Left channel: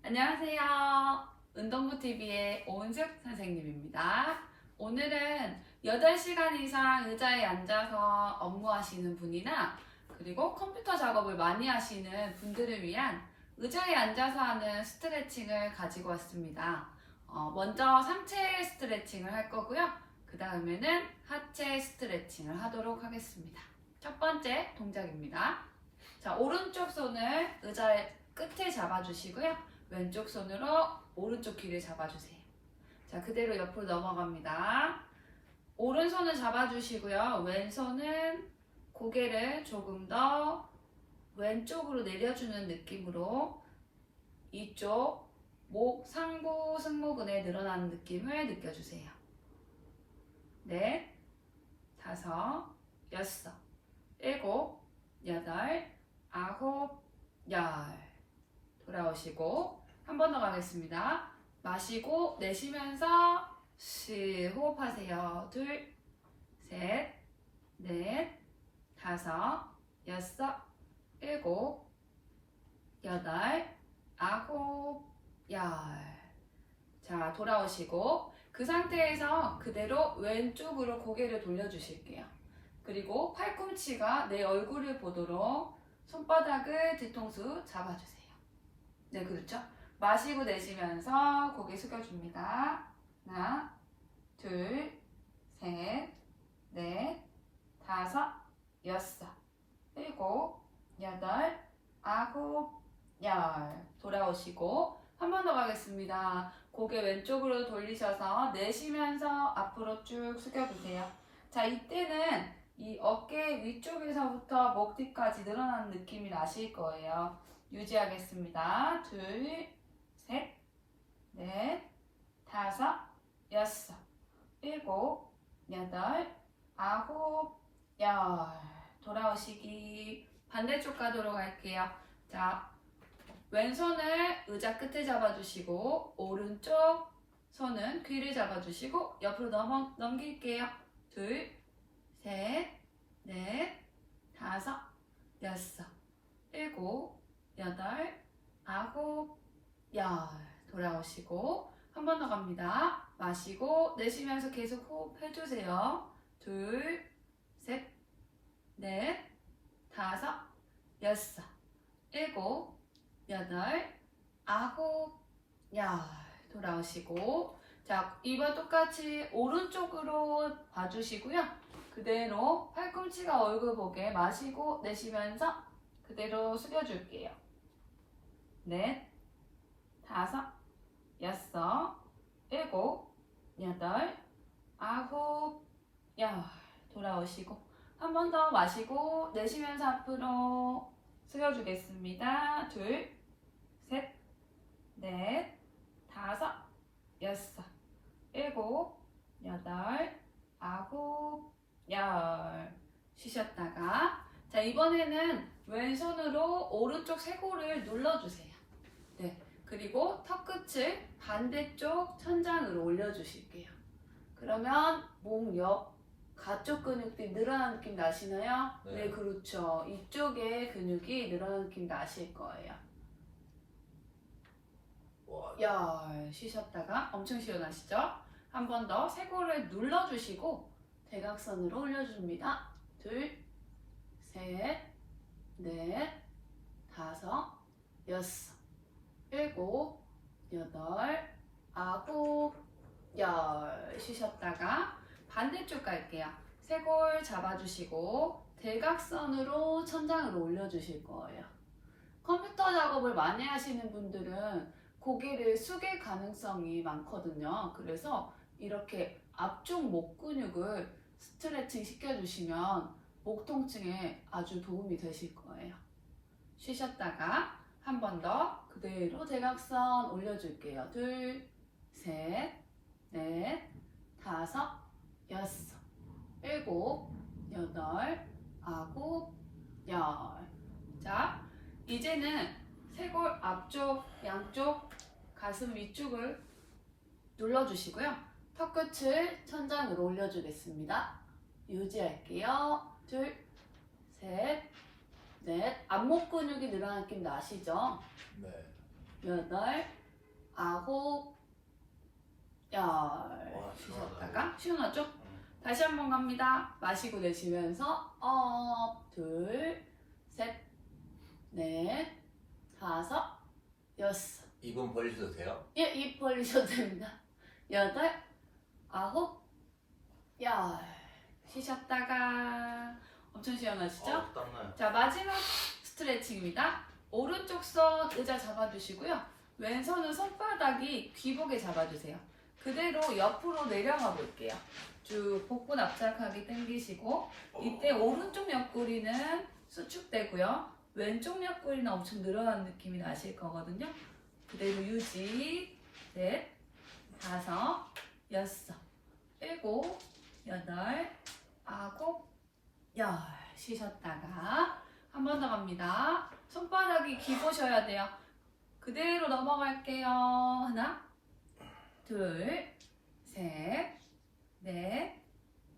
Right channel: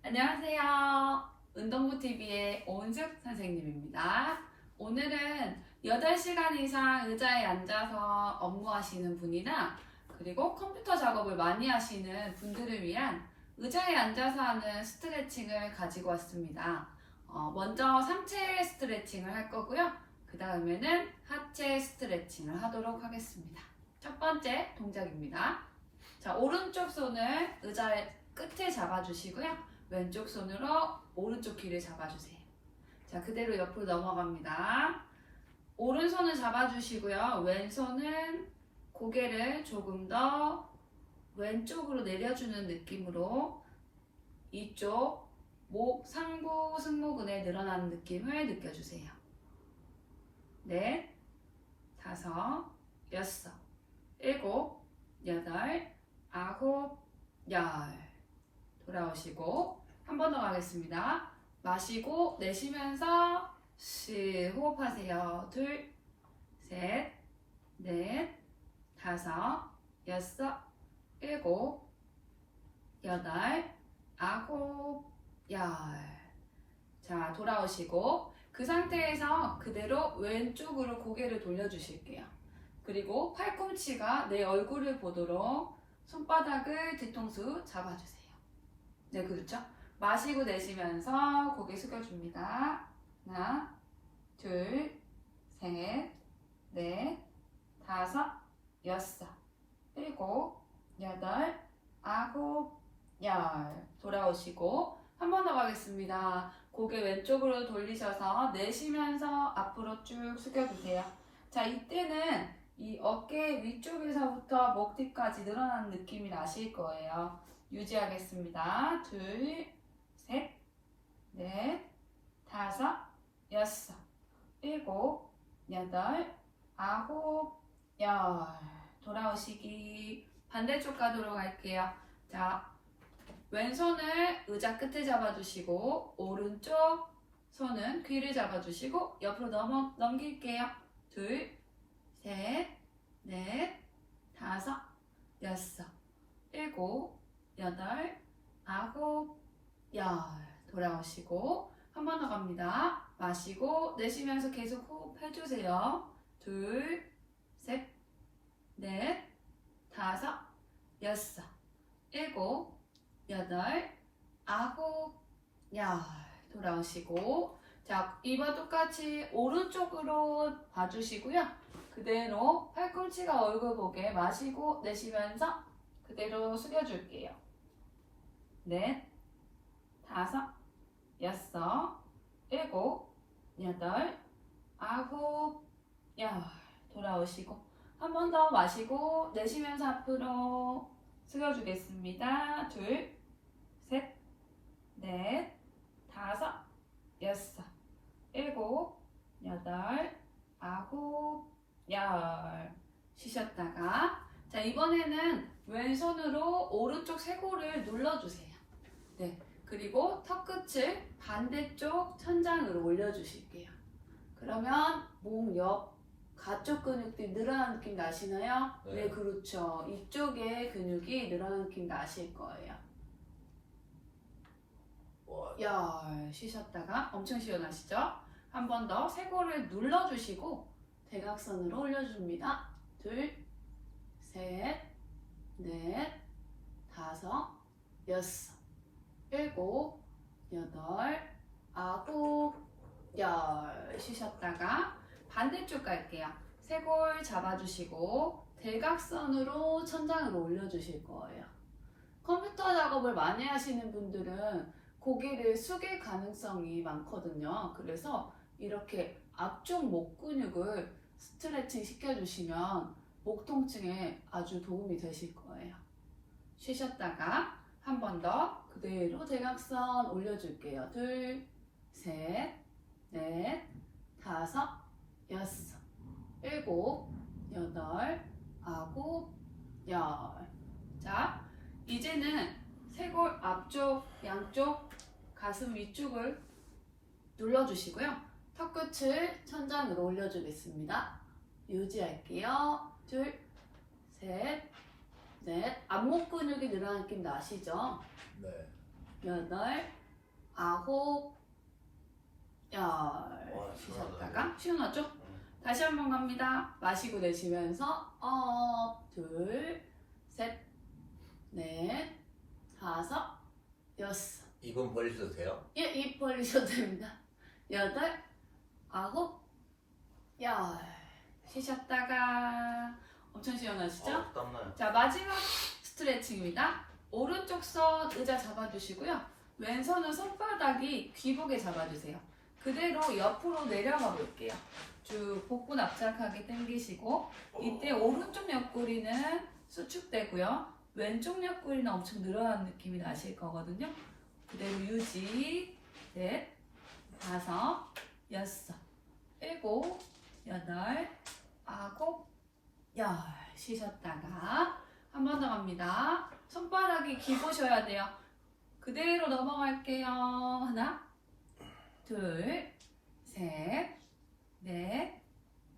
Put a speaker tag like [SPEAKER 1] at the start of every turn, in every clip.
[SPEAKER 1] 안녕하세요. 운동부TV의 오은숙 선생님입니다. 오늘은 8시간 이상 의자에 앉아서 업무하시는 분이나 그리고 컴퓨터 작업을 많이 하시는 분들을 위한 의자에 앉아서 하는 스트레칭을 가지고 왔습니다. 어, 먼저 상체 스트레칭을 할 거고요. 그 다음에는 하체 스트레칭을 하도록 하겠습니다. 첫 번째 동작입니다. 자, 오른쪽 손을 의자 끝에 잡아주시고요. 왼쪽 손으로 오른쪽 귀를 잡아주세요. 자, 그대로 옆으로 넘어갑니다. 오른손을 잡아주시고요. 왼손은 고개를 조금 더 왼쪽으로 내려주는 느낌으로 이쪽 목, 상부, 승모근에 늘어나는 느낌을 느껴주세요. 넷, 다섯, 여섯, 일곱, 여덟, 아홉, 열. 돌아오시고 한 번 더 가겠습니다. 마시고 내쉬면서 시 호흡하세요. 둘, 셋, 넷, 다섯, 여섯, 일곱, 여덟, 아홉, 열. 자, 돌아오시고 그 상태에서 그대로 왼쪽으로 고개를 돌려주실게요. 그리고 팔꿈치가 내 얼굴을 보도록 손바닥을 뒤통수 잡아주세요. 네, 그렇죠. 마시고 내쉬면서 고개 숙여줍니다. 하나, 둘, 셋, 넷, 다섯, 여섯, 일곱, 여덟, 아홉, 열. 돌아오시고 한 번 더 가겠습니다. 고개 왼쪽으로 돌리셔서 내쉬면서 앞으로 쭉 숙여주세요. 자, 이때는 이 어깨 위쪽에서부터 목 뒤까지 늘어나는 느낌이 나실 거예요. 유지하겠습니다. 둘, 셋, 넷, 다섯, 여섯, 일곱, 여덟, 아홉, 열. 돌아오시기. 반대쪽 가도록 할게요. 자, 왼손을 의자 끝에 잡아주시고, 오른쪽 손은 귀를 잡아주시고, 옆으로 넘어, 넘길게요. 둘, 셋, 넷, 다섯, 여섯, 일곱, 여덟, 아홉, 열. 돌아오시고 한 번 더 갑니다. 마시고 내쉬면서 계속 호흡 해주세요. 둘, 셋, 넷, 다섯, 여섯, 일곱, 여덟, 아홉, 열. 돌아오시고 자 이번 똑같이 오른쪽으로 봐주시고요. 그대로 팔꿈치가 얼굴 보게 마시고 내쉬면서 그대로 숙여줄게요. 넷, 다섯, 여섯, 일곱, 여덟, 아홉, 열. 돌아오시고 한 번 더 마시고 내쉬면서 앞으로 숙여주겠습니다. 둘, 셋, 넷, 다섯, 여섯, 일곱, 여덟, 아홉, 열. 쉬셨다가 자 이번에는 왼손으로 오른쪽 쇄골을 눌러주세요. 네. 그리고 턱 끝을 반대쪽 천장으로 올려주실게요. 그러면 목 옆 가쪽 근육들이 늘어나는 느낌 나시나요?
[SPEAKER 2] 네.
[SPEAKER 1] 네, 그렇죠. 이쪽에 근육이 늘어나는 느낌 나실 거예요.
[SPEAKER 2] 와,
[SPEAKER 1] 열 쉬셨다가 엄청 시원하시죠? 한 번 더 쇄골을 눌러주시고 대각선으로 올려줍니다. 둘, 셋, 넷, 다섯, 여섯, 일곱, 여덟, 아홉, 열 쉬셨다가 반대쪽 갈게요. 쇄골 잡아주시고 대각선으로 천장으로 올려주실 거예요. 컴퓨터 작업을 많이 하시는 분들은 고개를 숙일 가능성이 많거든요. 그래서 이렇게 앞쪽 목 근육을 스트레칭 시켜주시면 목 통증에 아주 도움이 되실 거예요. 쉬셨다가 한 번 더 그대로 대각선 올려줄게요. 둘, 셋, 넷, 다섯, 여섯, 일곱, 여덟, 아홉, 열. 자, 이제는 쇄골 앞쪽, 양쪽, 가슴 위쪽을 눌러주시고요. 턱끝을 천장으로 올려주겠습니다. 유지할게요. 둘, 셋, 넷. 앞목 근육이 늘어나는 느낌 나시죠?
[SPEAKER 2] 네.
[SPEAKER 1] 여덟, 아홉, 열.
[SPEAKER 2] 와,
[SPEAKER 1] 쉬셨다가 시원하죠?
[SPEAKER 2] 응.
[SPEAKER 1] 다시 한번 갑니다. 마시고 내쉬면서 업, 둘, 셋, 넷, 다섯, 여섯.
[SPEAKER 2] 입은 벌리셔도 돼요?
[SPEAKER 1] 예, 입 벌리셔도 됩니다. 여덟, 아홉, 열. 쉬셨다가 엄청 시원하시죠?
[SPEAKER 2] 어, 땀나요.
[SPEAKER 1] 자, 마지막 스트레칭입니다. 오른쪽 손 의자 잡아주시고요. 왼손은 손바닥이 귀복에 잡아주세요. 그대로 옆으로 내려가 볼게요. 쭉 복부 납작하게 당기시고 이때 오른쪽 옆구리는 수축되고요. 왼쪽 옆구리는 엄청 늘어나는 느낌이 나실 거거든요. 그대로 유지. 넷, 다섯, 여섯, 일곱, 여덟, 아홉, 열. 쉬셨다가 한 번 더 갑니다. 손바닥이 기보셔야 돼요. 그대로 넘어갈게요. 하나, 둘, 셋, 넷,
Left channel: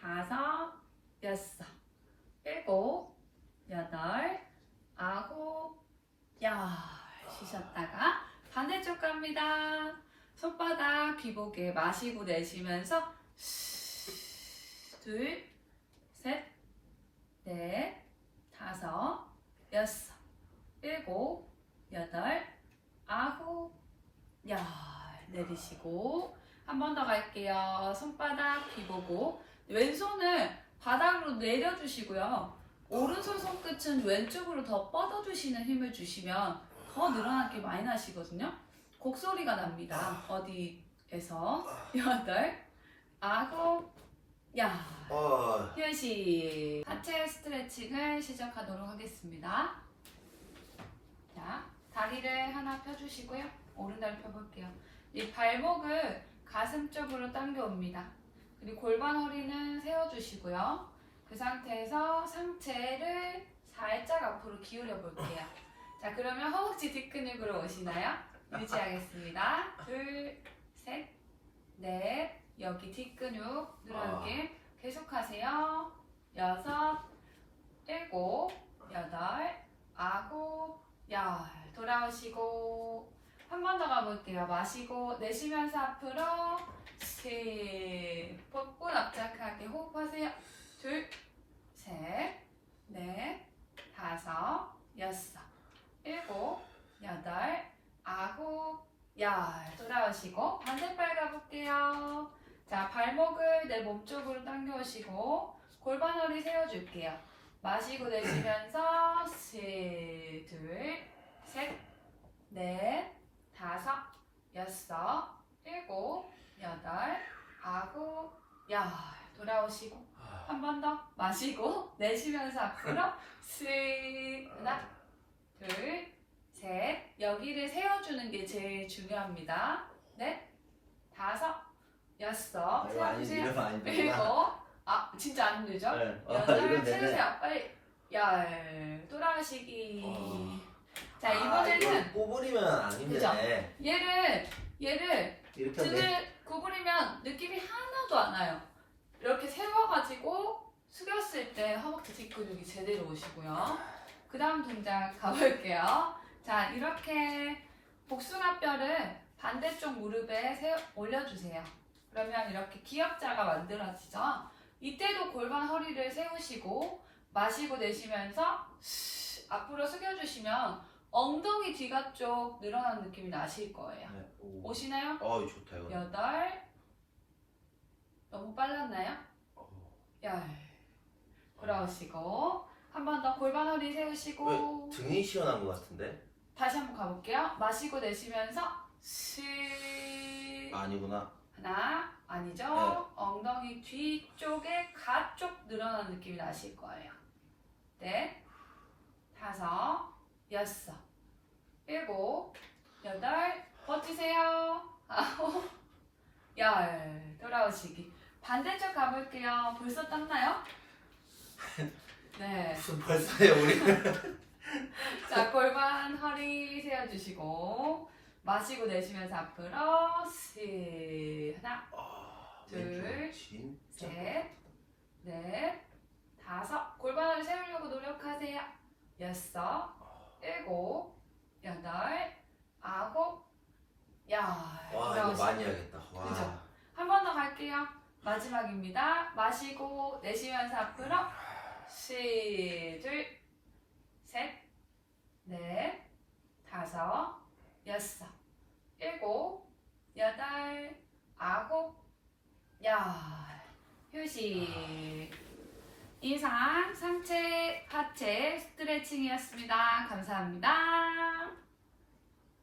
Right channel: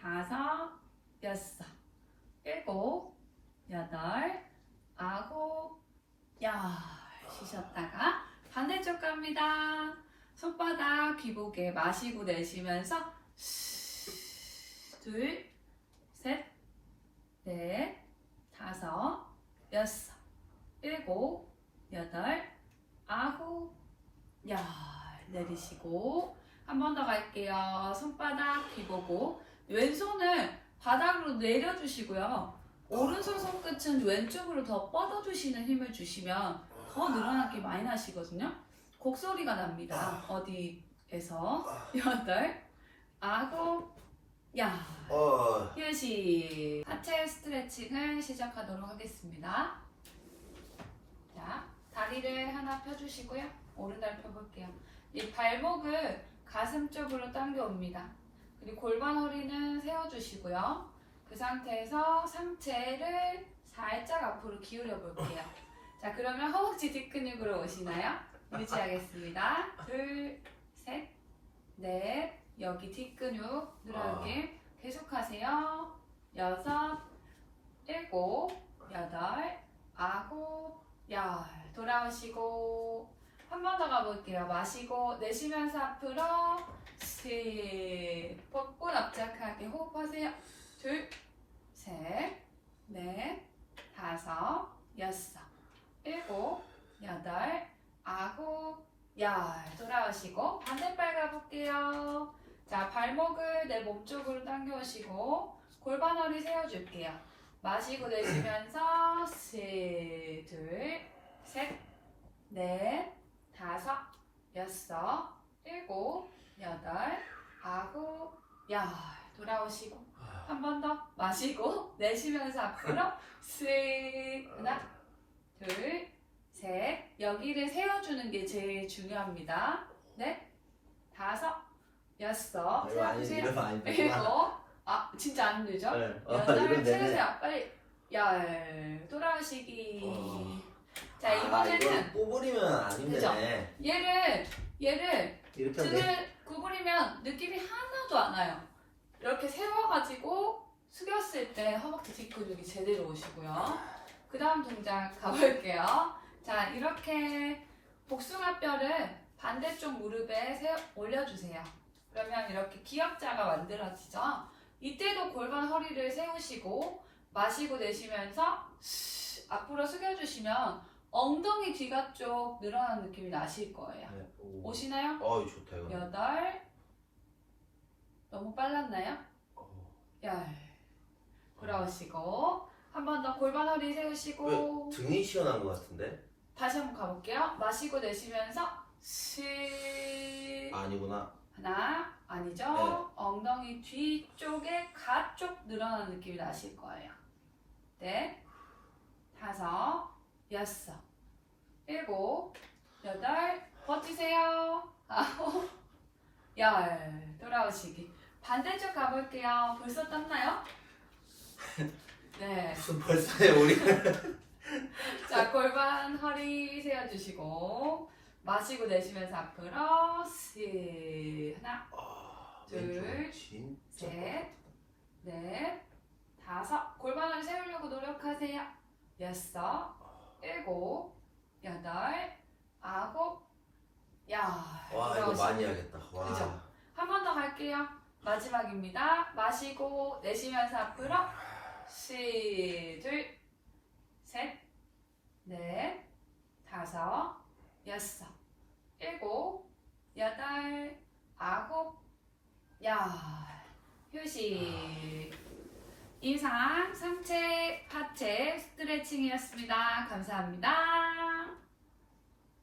[SPEAKER 1] 다섯, 여섯, 일곱, 여덟, 아홉, 열. 쉬셨다가 반대쪽 갑니다. 손바닥 귀복에 마시고 내쉬면서 둘, 셋, 넷, 다섯, 여섯, 일곱, 여덟, 아홉, 열. 내리시고 한 번 더 갈게요. 손바닥 비보고 왼손을 바닥으로 내려주시고요. 오른손 손끝은 왼쪽으로 더 뻗어주시는 힘을 주시면 더 늘어나게 많이 나시거든요. 곡소리가 납니다. 어디에서 여덟, 아홉, 야. 5분씩 하체 스트레칭을 시작하도록 하겠습니다. 자, 다리를 하나 펴주시고요. 오른다리 펴볼게요. 이 발목을 가슴 쪽으로 당겨옵니다. 그리고 골반 허리는 세워주시고요. 그 상태에서 상체를 살짝 앞으로 기울여 볼게요. 자, 그러면 허벅지 뒷근육으로 오시나요? 유지하겠습니다. 둘, 셋, 넷. 여기 뒷근육 늘어나게. 계속하세요. 여섯, 일곱, 여덟, 아홉, 열. 돌아오시고 한 번 더 가볼게요. 마시고 내쉬면서 앞으로 셋. 복부 납작하게 호흡하세요. 둘, 셋, 넷, 다섯, 여섯, 일곱, 여덟, 아홉, 열. 돌아오시고 반대발 가볼게요. 자, 발목을 내 몸쪽으로 당겨오시고 골반 허리 세워줄게요. 마시고 내쉬면서 셋, 둘, 셋, 넷, 다섯, 여섯, 일곱, 여덟, 아홉, 열. 돌아오시고 한 번 더 마시고 내쉬면서 앞으로 셋, 하나, 둘, 셋. 여기를 세워주는 게 제일 중요합니다. 넷, 다섯, 여섯.
[SPEAKER 2] 이거 아니, 안 되구나.
[SPEAKER 1] 일곱. 아, 진짜 안 되죠? 여덟
[SPEAKER 2] 이건 되네.
[SPEAKER 1] 세우세요. 빨리. 열. 돌아오시기.
[SPEAKER 2] 어.
[SPEAKER 1] 자,
[SPEAKER 2] 아,
[SPEAKER 1] 이번에는
[SPEAKER 2] 구부리면 안 힘드네.
[SPEAKER 1] 얘를, 얘를
[SPEAKER 2] 이렇게 하면 돼?
[SPEAKER 1] 등을 구부리면 느낌이 하나도 안 와요. 이렇게 세워가지고 숙였을 때 허벅지 뒷근육이 제대로 오시고요. 그 다음 동작 가볼게요. 자, 이렇게 복숭아뼈를 반대쪽 무릎에 세, 올려주세요. 그러면 이렇게 기역자가 만들어지죠. 이때도 골반 허리를 세우시고 마시고 내쉬면서 스- 앞으로 숙여주시면 엉덩이 뒤가 쪽 늘어나는 느낌이 나실 거예요.
[SPEAKER 2] 네. 오.
[SPEAKER 1] 오시나요?
[SPEAKER 2] 어, 좋다 이거.
[SPEAKER 1] 여덟 너무 빨랐나요?
[SPEAKER 2] 어.
[SPEAKER 1] 열 돌아오시고 한 번 더 골반 허리 세우시고
[SPEAKER 2] 왜 등이 시원한 것 같은데?
[SPEAKER 1] 다시 한번 가볼게요 마시고 내쉬면서 시
[SPEAKER 2] 아니구나.
[SPEAKER 1] 하나 아니죠?
[SPEAKER 2] 네.
[SPEAKER 1] 엉덩이 뒤쪽에 가쪽 늘어나는 느낌이 나실 거예요. 넷 다섯 여섯. 일곱 여덟. 버티세요. 아홉 열. 돌아오시기. 반대쪽 가볼게요. 벌써 떴나요? 네.
[SPEAKER 2] 무슨 벌써요 우리?
[SPEAKER 1] 자, 골반 허리 세워주시고 마시고 내쉬면서 앞으로 셋 하나
[SPEAKER 2] 아,
[SPEAKER 1] 둘,
[SPEAKER 2] 왼쪽 진짜.
[SPEAKER 1] 셋, 넷 다섯 골반을 세우려고 노력하세요 여섯 일곱 여덟 아홉
[SPEAKER 2] 많이 하겠다. 와.
[SPEAKER 1] 그죠? 한번더 갈게요. 마지막입니다. 마시고 내쉬면서 앞으로 시, 둘, 셋, 넷, 다섯, 여섯, 일곱, 여덟, 아홉, 열. 휴식. 이상 상체, 하체 스트레칭이었습니다. 감사합니다.